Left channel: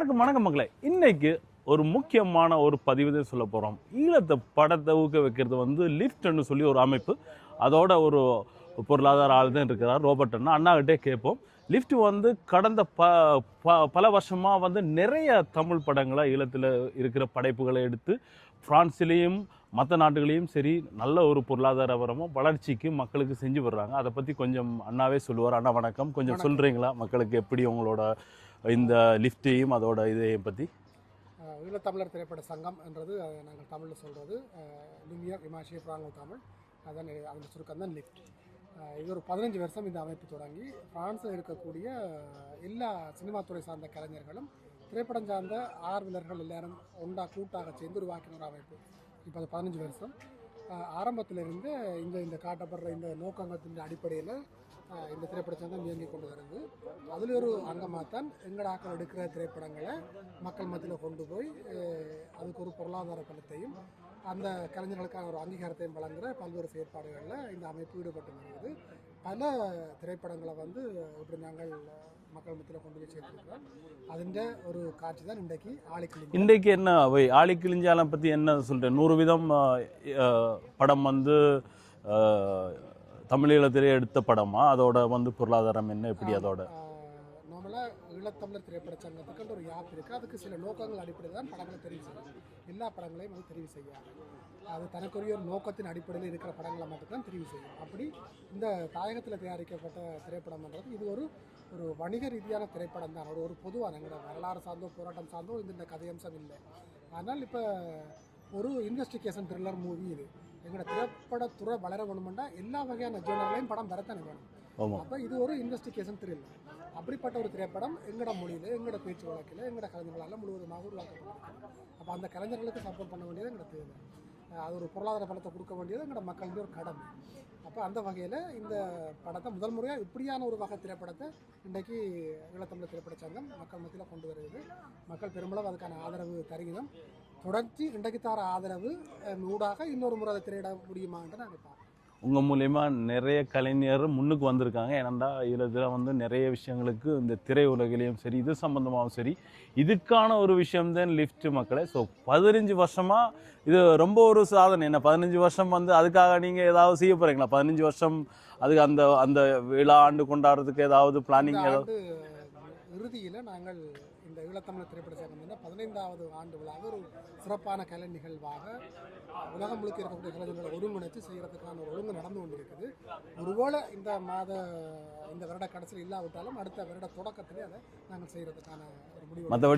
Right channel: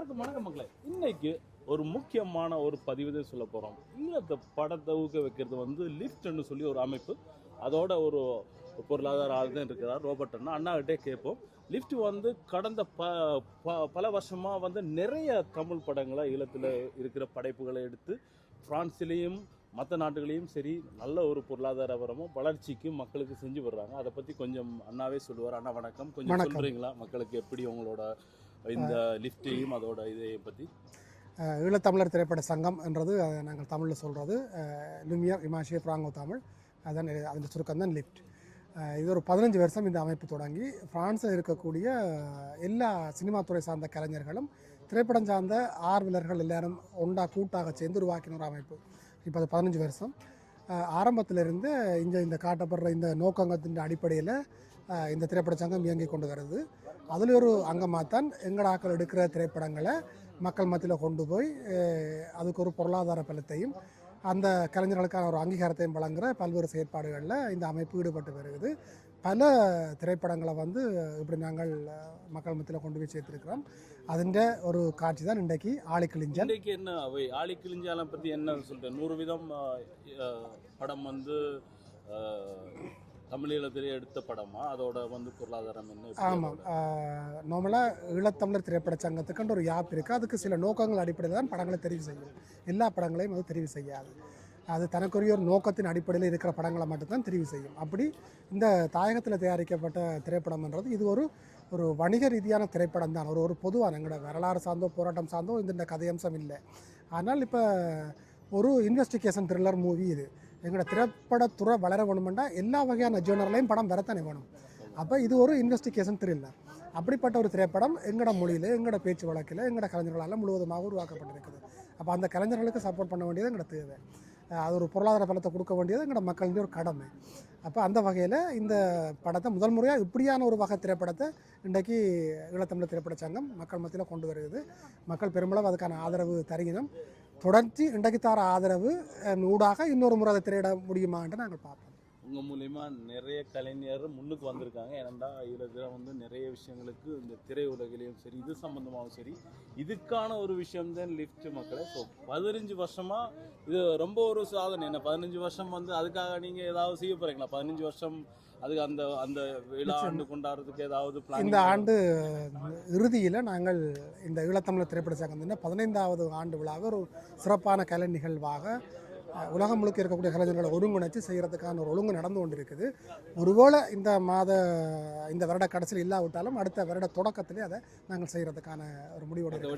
எல்லாருக்கும் வணக்கம் மக்களே. இன்னைக்கு ஒரு முக்கியமான ஒரு பதிவு சொல்ல போகிறோம். ஈழத்தை படத்தை ஊக்க வைக்கிறது லிஃப்ட்னு சொல்லி ஒரு அமைப்பு. அதோட ஒரு பொருளாதார ஆள் தான் இருக்கிறார் ரோபர்ட் அண்ணா. அண்ணாகிட்டே கேட்போம். லிஃப்ட் கடந்த பல வருஷமாக நிறைய தமிழ் படங்களை ஈழத்தில் இருக்கிற படைப்புகளை எடுத்து பிரான்ஸ்லேயும் மற்ற நாடுகளையும் சரி நல்ல ஒரு பொருளாதாரபரமாக வளர்ச்சிக்கு மக்களுக்கு செஞ்சு வர்றாங்க. அதை பற்றி கொஞ்சம் அண்ணாவே சொல்லுவார். அண்ணா வணக்கம். கொஞ்சம் சொல்கிறீங்களா மக்களுக்கு எப்படி உங்களோட இந்த லிஃப்டையும் அதோட இதையை பற்றி? ஈழத்தமிழர் திரைப்பட சங்கம் என்றது நாங்கள் தமிழில் சொல்கிறது லுமியர் இமாஷிய பிராங்கோ தமிழ். அதான் அந்த சுருக்கம் தான் லிஃப்ட். இது ஒரு 15 வருஷம் இந்த அமைப்பு தொடங்கி பிரான்ஸில் இருக்கக்கூடிய எல்லா சினிமா துறை சார்ந்த கலைஞர்களும் திரைப்படம் சார்ந்த ஆர்வலர்கள் எல்லாரும் கூட்டாக சேர்ந்து உருவாக்கின ஒரு அமைப்பு. இப்போ அது 15 வருஷம். ஆரம்பத்திலிருந்து இந்த காட்டப்படுற இந்த நோக்கங்கத்தின் அடிப்படையில் இந்த திரைப்பட சங்கம் இயங்கி கொண்டு வருது. அதில் ஒரு அங்கமாக தான் எங்கட ஆக்கள் எடுக்கிற திரைப்படங்களை மக்கள் மத்தியில் கொண்டு போய் அதுக்கு ஒரு பொருளாதார பலத்தையும் அந்த கலைஞர்களுக்கான ஒரு அங்கீகாரத்தையும் வழங்குகிற பல்வேறு செயற்பாடுகளில் இந்த அமைப்பு ஈடுபட்டு வருகிறது. பல திரைப்படங்களை இப்படி நாங்கள் மக்கள் மத்தியில் கொண்டு போய் சேர்த்துருக்கிறோம். அதுன்ற ஒரு காட்சி தான் இன்றைக்கு ஆழிக்கிழிஞ்சு. இன்றைக்கு என்ன ஆழிக்கிழிஞ்சாலம் பற்றி என்ன சொல்கிறேன்? 100 வீதம் படம் தமிழீழத்திலே எடுத்த படமா? அதோட பொருளாதாரம் என்ன, எப்படி? அதோட நார்மலாக ஈழத்தமிழர் திரைப்பட சங்கத்துக்குன்ற ஒரு யாப் இருக்குது. அதுக்கு சில நோக்கங்கள் அடிப்படையில் தான் படங்களை தெரிவு செய்யும். எல்லா படங்களையும் அது தெரிவு செய்யாது. அது தனக்குரிய ஒரு நோக்கத்தின் அடிப்படையில் இருக்கிற படங்களை மட்டும்தான் தெரிவு செய்யும். அப்படி இந்த தாயகத்தில் தயாரிக்கப்பட்ட திரைப்படம்ன்றது இது ஒரு வணிக ரீதியான திரைப்படம் தான். ஒரு பொதுவான எங்களோட வரலாறு சார்ந்தோ போராட்டம் சார்ந்தோ இந்த கதையம்சம் இல்லை. ஆனால் இப்போ ஒரு இன்வெஸ்டிகேஷன் த்ரில்லர் மூவி இது. எங்களோட திரைப்படத்துறை வளர வேணுமெண்டா எல்லா வகையான ஜோனர்லையும் படம் வரத்தானே வேணும். அப்போ இது ஒரு இன்வெஸ்டிகேஷன் த்ரில்லர். அப்படிப்பட்ட ஒரு திரைப்படம் எங்களோட மொழியில் எங்களோட பேச்சு வழக்கில் எங்களோட கலைஞர்களால் முழுவதுமாக உருவாக்கப்பட்டிருக்குது. அப்போ அந்த கலைஞர்களுக்கு சப்போர்ட் பண்ண வேண்டியது எங்களோட தேவை. அது ஒரு பொருளாதார பலத்தை கொடுக்க வேண்டியது எங்களோட மக்களுடைய ஒரு கடமை. அப்போ அந்த வகையில் இந்த படத்தை முதல் முறையாக இப்படியான ஒரு வகை திரைப்படத்தை இன்றைக்கு ஈழத்தமிழர் திரைப்பட சங்கம் மக்கள் மத்தியில் கொண்டு வருகிறது. மக்கள் பெருமளவு அதுக்கான ஆதரவு தருகினோம். தொடர்ச்சி இன்றைக்கு தர ஆதரவு ஊடாக இன்னொரு முறை அதை திரையிட முடியுமான்ட்டு நாங்கள் பார்ப்போம். உங்கள் மூலயமா நிறைய கலைஞர் முன்னுக்கு வந்திருக்காங்க. ஏன்னா இதில் நிறைய விஷயங்களுக்கு இந்த திரை உலகிலையும் சரி இது சம்பந்தமாகவும் சரி இதுக்கான ஒரு விஷயம்தான் லிஃப்ட் மக்களே. ஸோ 15 வருஷமாக இது ரொம்ப ஒரு சாதனை. என்ன 15 வருஷம் அதுக்காக நீங்கள் ஏதாவது செய்ய போகிறீங்களா? 15 வருஷம் அதுக்கு அந்த அந்த விழா ஆண்டு கொண்டாடுறதுக்கு ஏதாவது பிளானிங்? இந்த ஆண்டு இறுதியில் நாங்கள் இந்த ஈழத்தமிழர் திரைப்பட சங்கம் 15வது ஆண்டு விழாவை ஒரு சிறப்பான கலை நிகழ்வாக உலகம் முழுக்க இருக்கக்கூடிய கலைஞர்களை ஒருங்கிணைச்சு செய்கிறதுக்கான ஒரு ஒழுங்கு நடந்து கொண்டிருக்குது. ஒருவேளை இந்த வருட கடைசியில் இல்லாவிட்டாலும் அடுத்த வருட தொடக்கத்திலே அதை நாங்கள் செய்கிறதுக்கான ஒரு முடிவு.